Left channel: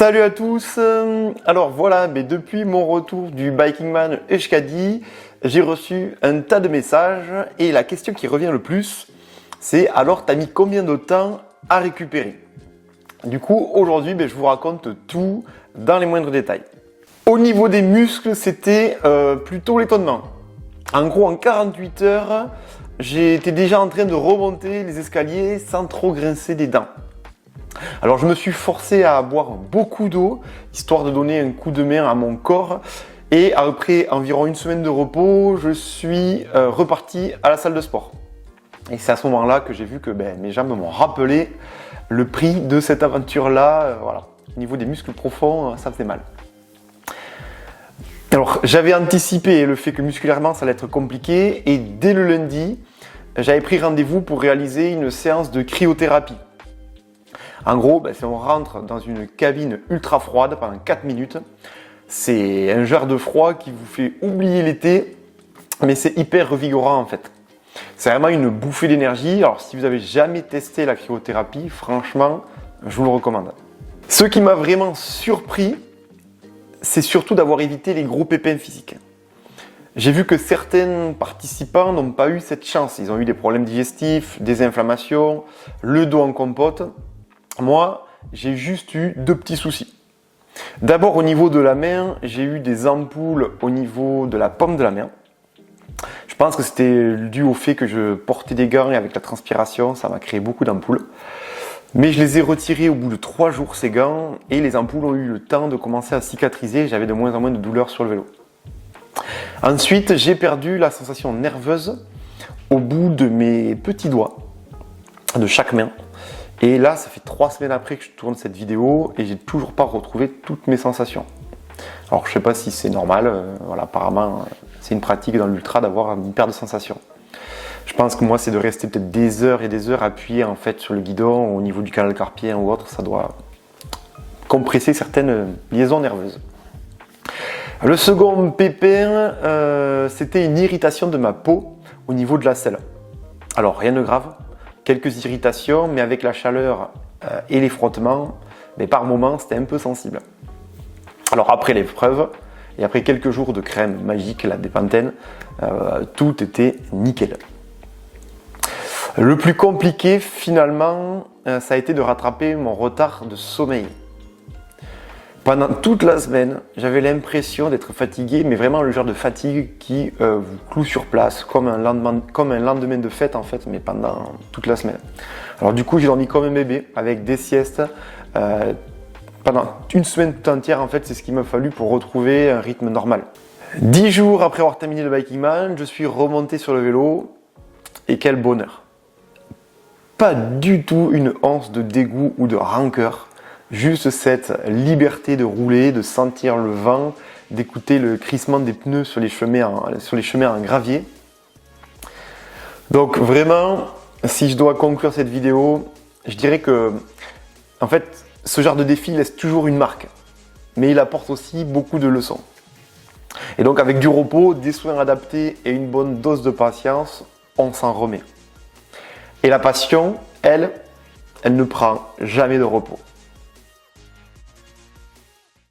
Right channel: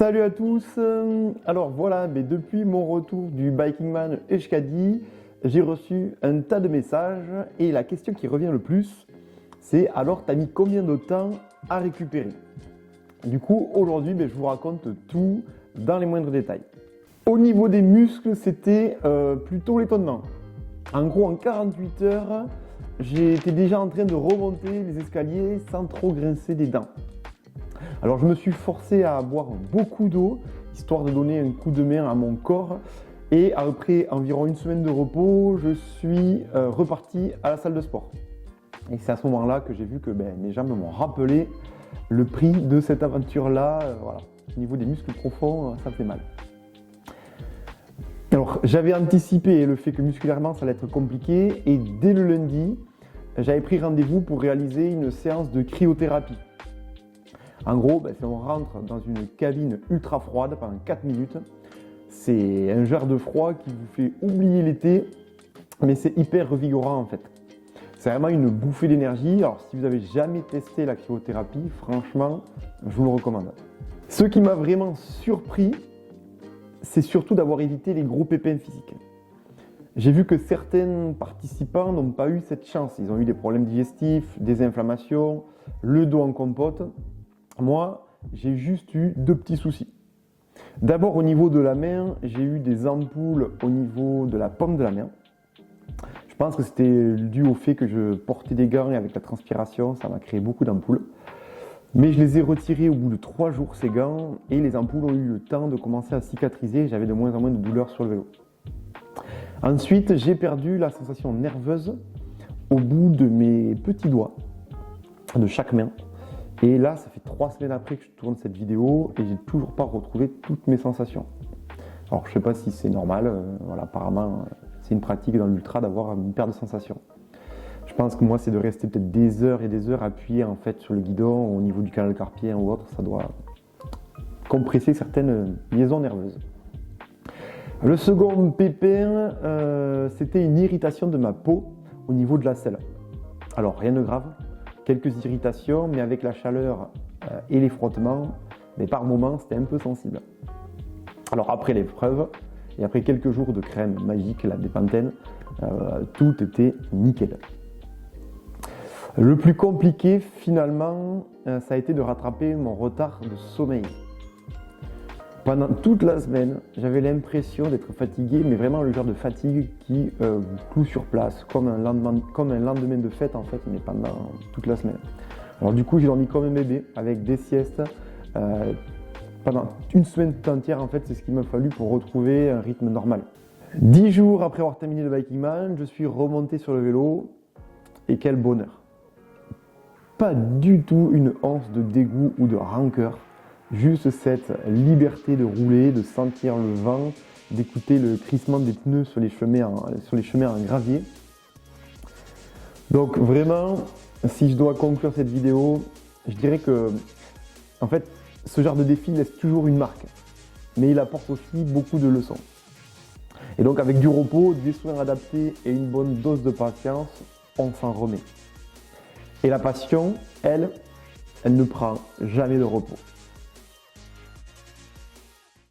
Salut à tous. Alors voilà, mais depuis mon retour du Biking Man Euskadi, j'ai reçu un tas de messages et la question qui revient le plus, c'est alors t'as mis combien de temps à récupérer? Du coup, aujourd'hui, je vous raconte tout dans les moindres détails. Au niveau des muscles, c'était plutôt l'étonnement. En gros, en 48 heures, j'étais déjà en train de remonter les escaliers sans trop grincer des dents. Alors je me suis forcé à boire beaucoup d'eau, histoire de donner un coup de main à mon corps. Et après environ une semaine de repos, je suis reparti à la salle de sport. Et c'est à ce moment-là que j'ai vu que mes jambes m'ont rappelé le prix de cette aventure-là. Voilà. Au niveau des muscles profonds, ça faisait mal. Alors j'avais anticipé le fait que musculairement ça allait être compliqué. Et dès le lundi, j'avais pris rendez-vous pour réaliser une séance de cryothérapie. En gros, si on rentre dans une cabine ultra froide pendant 4 minutes, c'est un genre de froid qui vous fait oublier l'été, mais c'est hyper revigorant en fait. C'est vraiment une bouffée d'énergie. Alors si vous n'avez jamais testé la cryothérapie, franchement, je vous le recommande. Ce qui m'a vraiment surpris, c'est surtout d'avoir évité les gros pépins physiques. J'ai vu que certains participants n'ont pas eu cette chance. Ils ont eu des problèmes digestifs, des inflammations, le dos en compote. Moi, j'ai juste eu deux petits soucis. D'abord, au niveau de la main, j'ai eu des ampoules au niveau de la paume de la main. Je pense que c'était dû au fait que je portais des gants et avec la transpiration, ça m'a créé beaucoup d'ampoules. Mais je les ai retirées au bout de 3 jours, ces gants, et les ampoules ont eu le temps de commencer à cicatriser. J'avais de moins en moins de douleurs sur le vélo. Ensuite, j'ai perdu la sensation nerveuse au bout de mes petits doigts, de chaque main. Et là, ça fait 3 semaines après que je tourne cette vidéo et j'ai toujours pas retrouvé toutes mes sensations. Alors, je sais pas si c'est normal. Voilà, apparemment, c'est une pratique dans l'ultra d'avoir une perte de sensations. Je pense que moi, c'est de rester peut-être des heures et des heures appuyé en fait sur le guidon au niveau du canal carpien ou autre. Ça doit compresser certaines liaisons nerveuses. Le second pépin, c'était une irritation de ma peau au niveau de la selle. Alors, rien de grave. Quelques irritations, mais avec la chaleur et les frottements, par moments, c'était un peu sensible. Alors après l'épreuve, et après quelques jours de crème magique, la Dépantène, tout était nickel. Le plus compliqué, finalement, ça a été de rattraper mon retard de sommeil. Pendant toute la semaine, j'avais l'impression d'être fatigué, mais vraiment le genre de fatigue qui vous cloue sur place, comme un lendemain de fête en fait, mais pendant toute la semaine. Alors du coup, j'ai dormi comme un bébé, avec des siestes. Pendant une semaine tout entière, en fait, c'est ce qu'il m'a fallu pour retrouver un rythme normal. 10 jours après avoir terminé le Biking Man, je suis remonté sur le vélo, et quel bonheur! Pas du tout une once de dégoût ou de rancœur. Juste cette liberté de rouler, de sentir le vent, d'écouter le crissement des pneus sur les chemins en gravier. Donc vraiment, si je dois conclure cette vidéo, je dirais que en fait, ce genre de défi laisse toujours une marque, mais il apporte aussi beaucoup de leçons. Et donc avec du repos, des soins adaptés et une bonne dose de patience, on s'en remet. Et la passion, elle ne prend jamais de repos.